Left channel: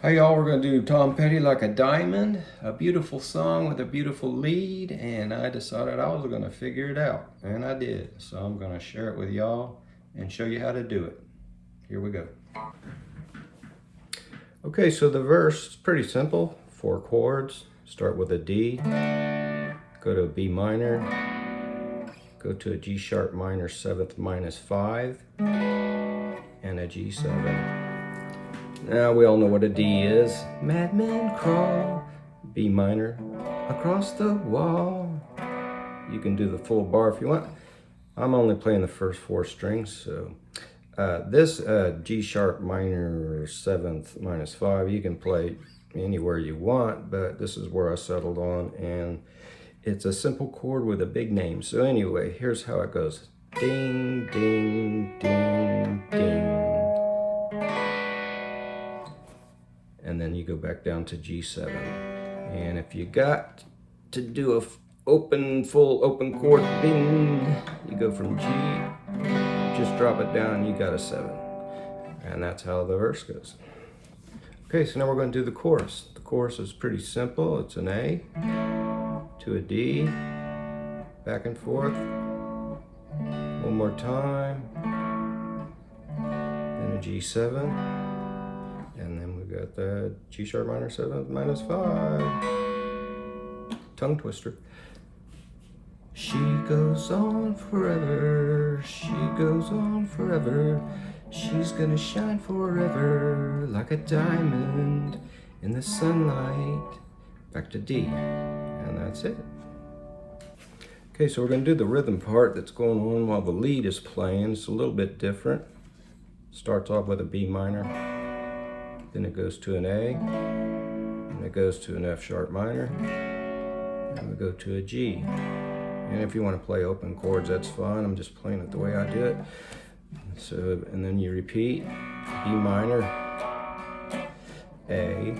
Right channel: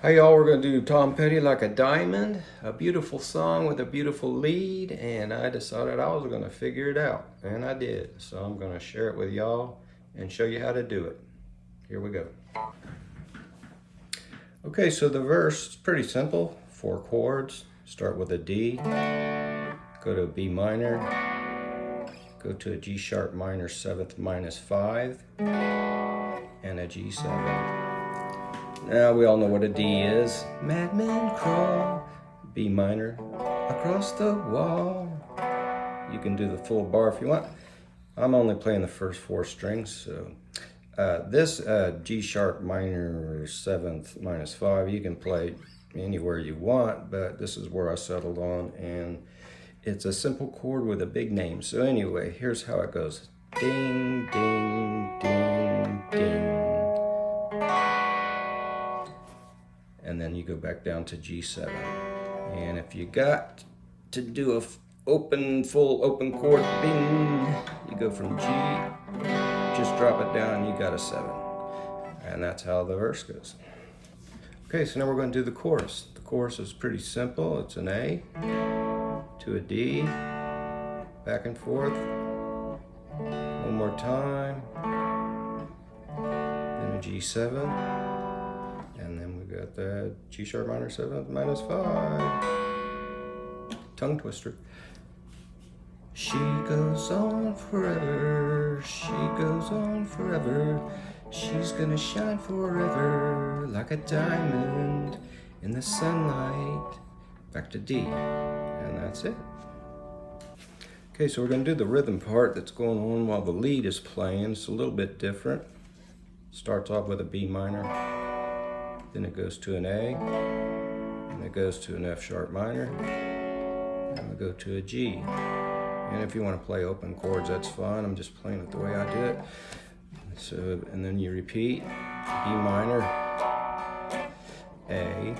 Hey y'all, we're going to do Tom Petty Like a Diamond, a beautiful song with a beautiful lead, and I decided I was going to figure it out, and I did. So I'm going to share it with y'all and show you how to do it. Here we go. Okay, so the verse is pretty simple. 4 chords. Start with a D, go to a B minor, go to a G sharp minor 7th minus 5, and a G7. Now we all know what a D is. Madmen crawl, B minor, across the wall. You can do the full bar if you want. I'm only playing the first 4 strings, so this G sharp minor 7th minus 5, you can play anywhere you want, but this is where I settled on, and it's a simple chord with a big name. So anyway, here's how it goes. Ding, ding, ding, ding. And then you go back down to G7. And if you got to do a full open chord, bing, you go from G, just drop it down, and you got a 7. And that's how the verse goes. Okay, so now we're going to do the chorus. The chorus is pretty simple. It's an A to a D, back and forth. One more time. Then a G7. And then we got that G sharp minor 7th minus 5. Tongue twister. She goes on forever, she goes on forever. She's gonna shine forever like a diamond in the sunlight. Back to D, and that's it. Okay, so we're gonna do the rhythm part that's going on while the lead is playing. It's a little bit different. Starts off with a B minor. Then it goes to an A, and it goes to an F sharp minor, and we go to a G. And if you want to play open chords, that's fine. I'm just playing it the way I did it. So, and then you repeat, B minor, A,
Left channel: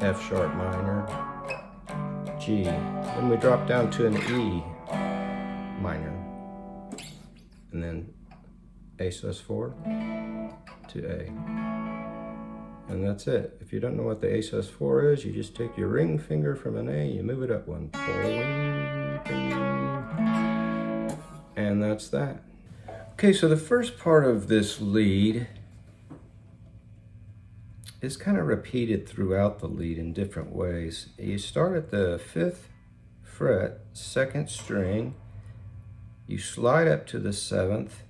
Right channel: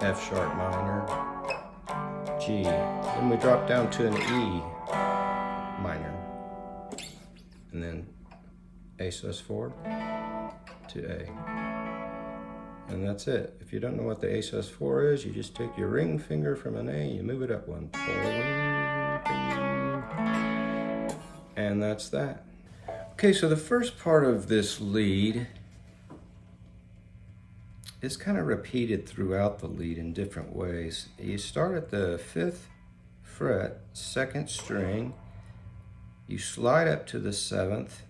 F sharp minor, G. Then we drop down to an E minor, and then A sus4 to A. And that's it. If you don't know what the A sus4 is, you just take your ring finger from an A, you move it up one. And that's that. Okay, so the first part of this lead is kind of repeated throughout the lead in different ways. You start at the 5th fret, 2nd string, you slide up to the 7th,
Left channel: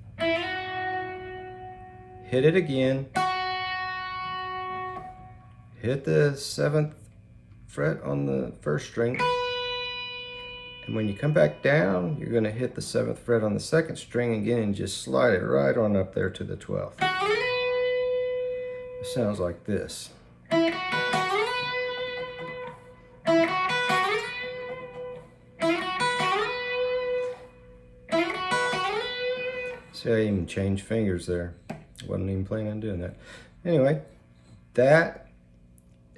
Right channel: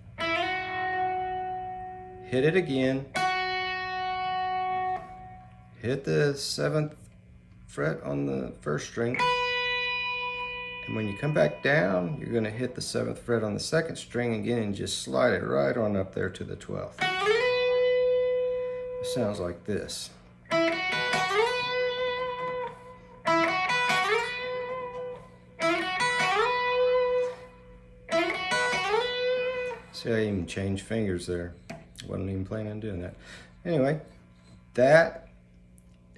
hit it again, hit the 7th fret on the 1st string, and when you come back down, you're going to hit the 7th fret on the 2nd string again and just slide it right on up there to the 12th. It sounds like this. See, I even changed fingers there. Wasn't even planning on doing that. Anyway, that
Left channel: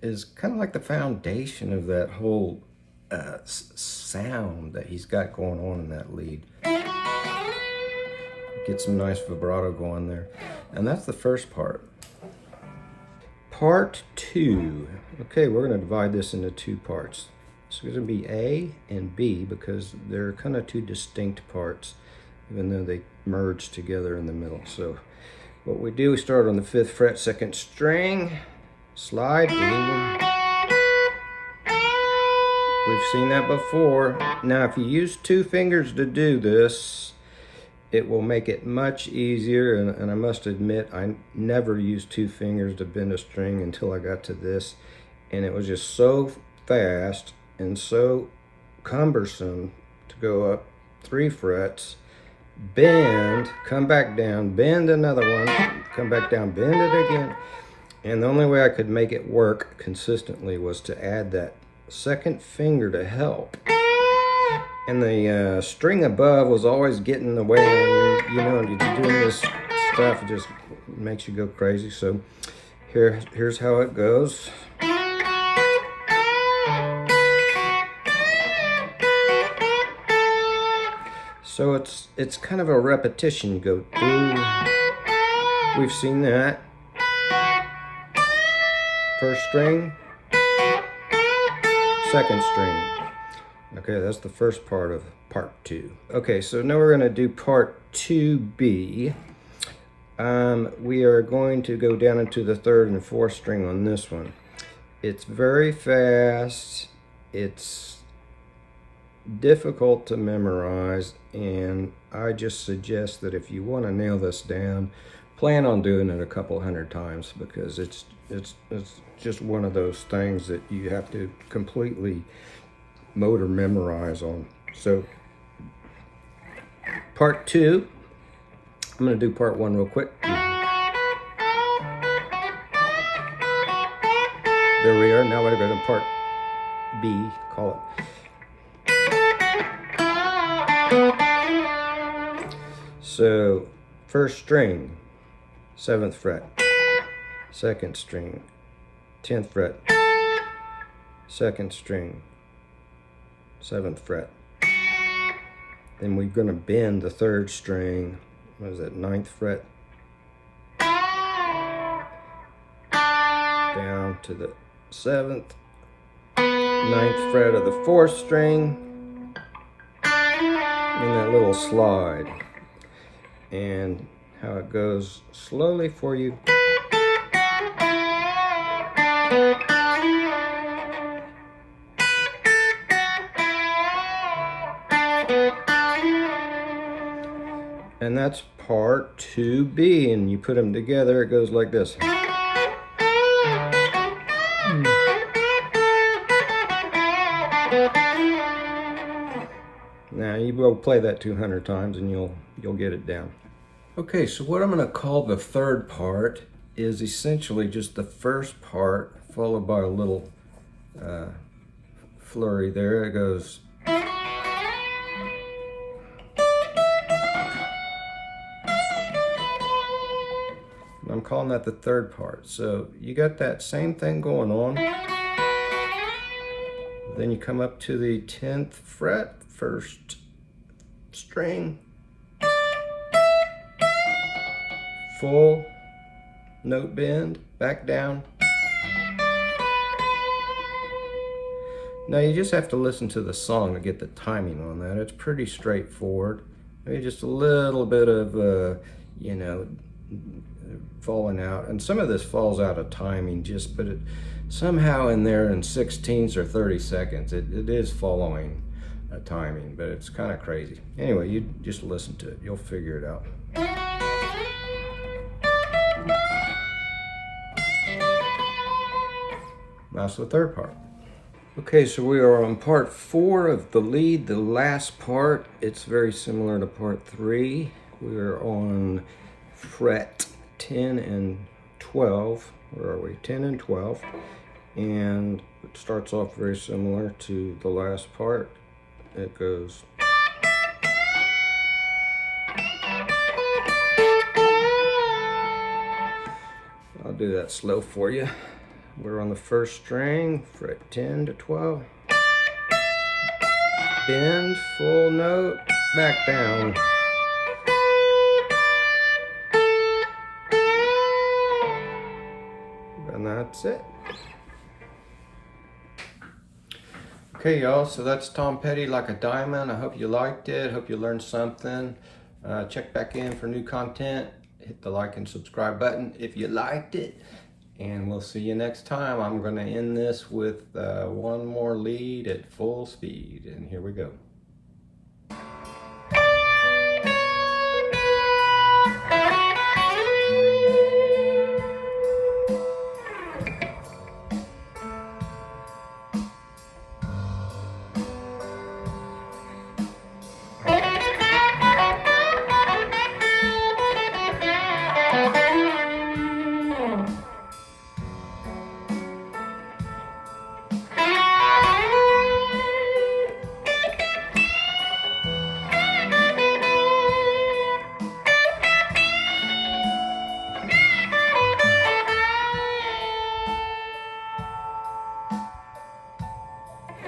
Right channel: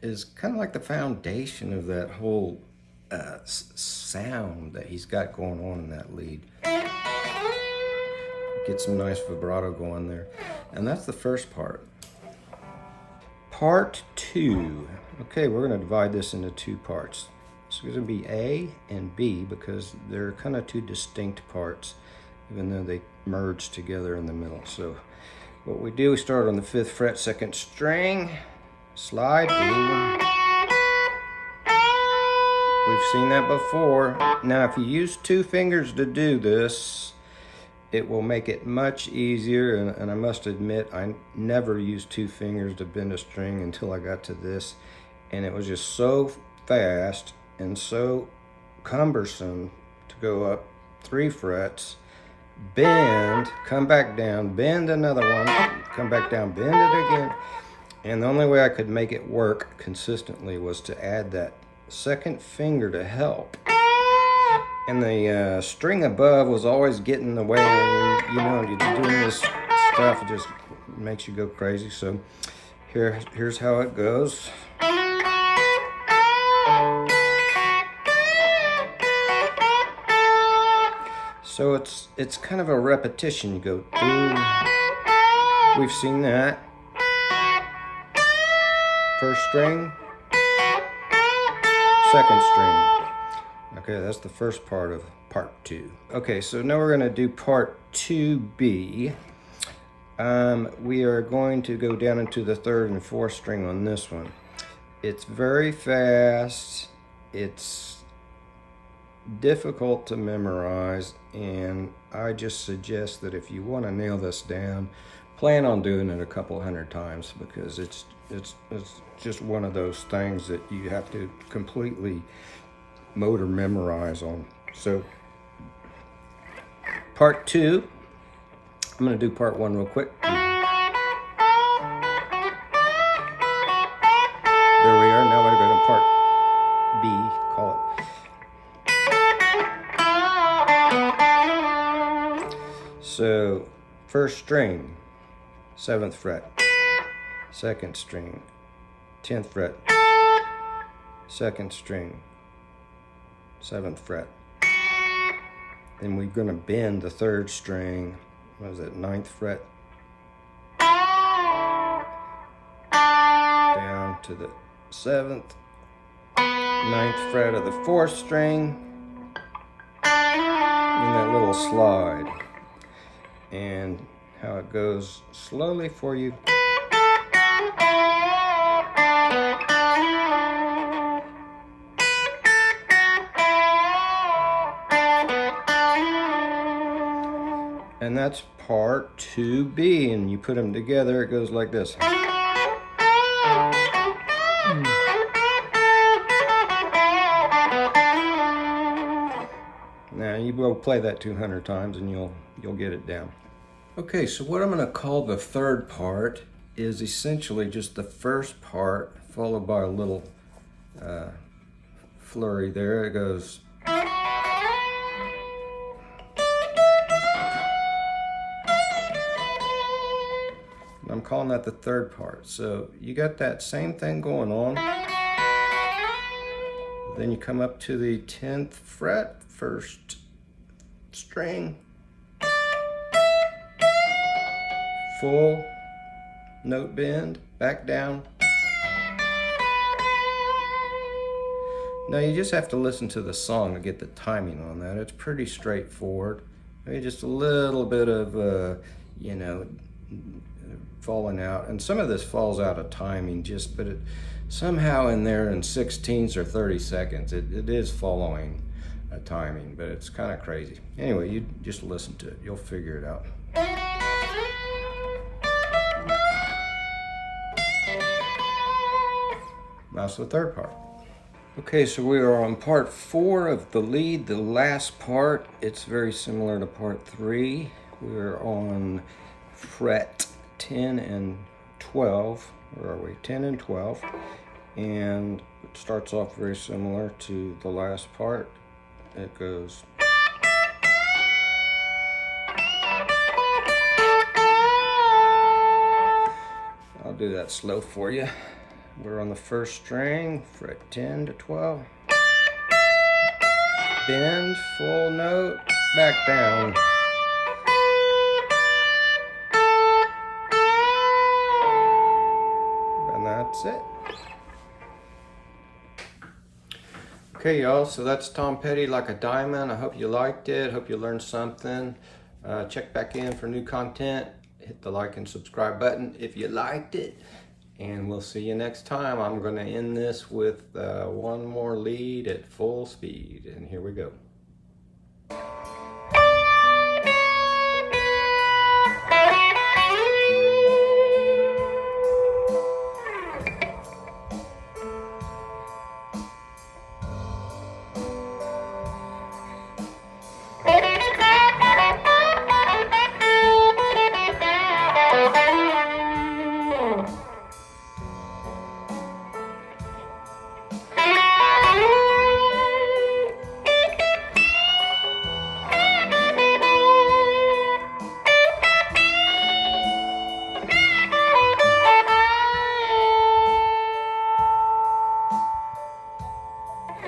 is kind of like the foundation of that whole sound that he's got going on in that lead. Get some nice vibrato going there. And that's the first part. Part 2. Okay, we're going to divide this into 2 parts. So it's going to be A and B because they're kind of 2 distinct parts, even though they merge together in the middle. So what we do, we start on the 5th fret, 2nd string, slide, boom. We've seen that before. Now, if you use 2 fingers to do this, it will make it much easier, and I must admit, I never used 2 fingers to bend a string until I got to this, and it was just so fast and so cumbersome to go up 3 frets, bend, come back down, bend another one, come back down, bend it again. And the only way I could make it work consistently was to add that 2nd finger to help. And the string above was always getting in the way, and you know, you're doing this stuff, it just makes you go crazy. So here's how it goes. So it's kind of a repetition. You go do, We've seen that. First string, second string. Okay, that's the first part of part 2. Okay, so now we're gonna do part 2B. We are going to go down into the 3rd and 4th string on this one. It's very fast. It's difficult to memorize, and I just suggest that if you want to nail this down, plan on doing it a couple hundred times, because it's just one of those things that you have to completely motor memorize on. So part 2, I'm going to do part 1 real quick. There we are. Now we're going to part B, call it. So first string, 7th fret, second string, 10th fret, second string, 7th fret. Then we're going to bend the 3rd string, what is that, 9th fret, down to the 7th, 9th fret of the 4th string, and that little slide. And how it goes slowly for you. And that's part 2B, and you put them together, it goes like this. Now you will play that 200 times and you'll get it down. Okay, so what I'm going to call the 3rd part is essentially just the first part followed by a little flurry there. It goes. I'm calling that the 3rd part. So you got that same thing going on. Then you come up to the 10th fret, 1st string, full note bend, back down. Now you just have to listen to the song to get the timing on that. It's pretty straightforward. Maybe just a little bit of, you know, falling out, and some of this falls out of timing, but it somehow in there in 16ths or 30 seconds it is following a timing, but it's kind of crazy. Anyway, you just listen to it, you'll figure it out. That's the 3rd part. Okay, so we are on part 4 of the lead, the last part. It's very similar to part 3. We are on fret 10 and 12. Where are we? 10 and 12. And it starts off very similar to the last part. It goes. I'll do that slow for you. We're on the 1st string, fret 10 to 12. Bend, full note, back down. And that's it. Okay, y'all, so that's Tom Petty Like a Diamond. I hope you liked it. Hope you learned something. Check back in for new content. Hit the like and subscribe button if you liked it. And we'll see you next time. I'm going to end this with one more lead at full speed. And here we go.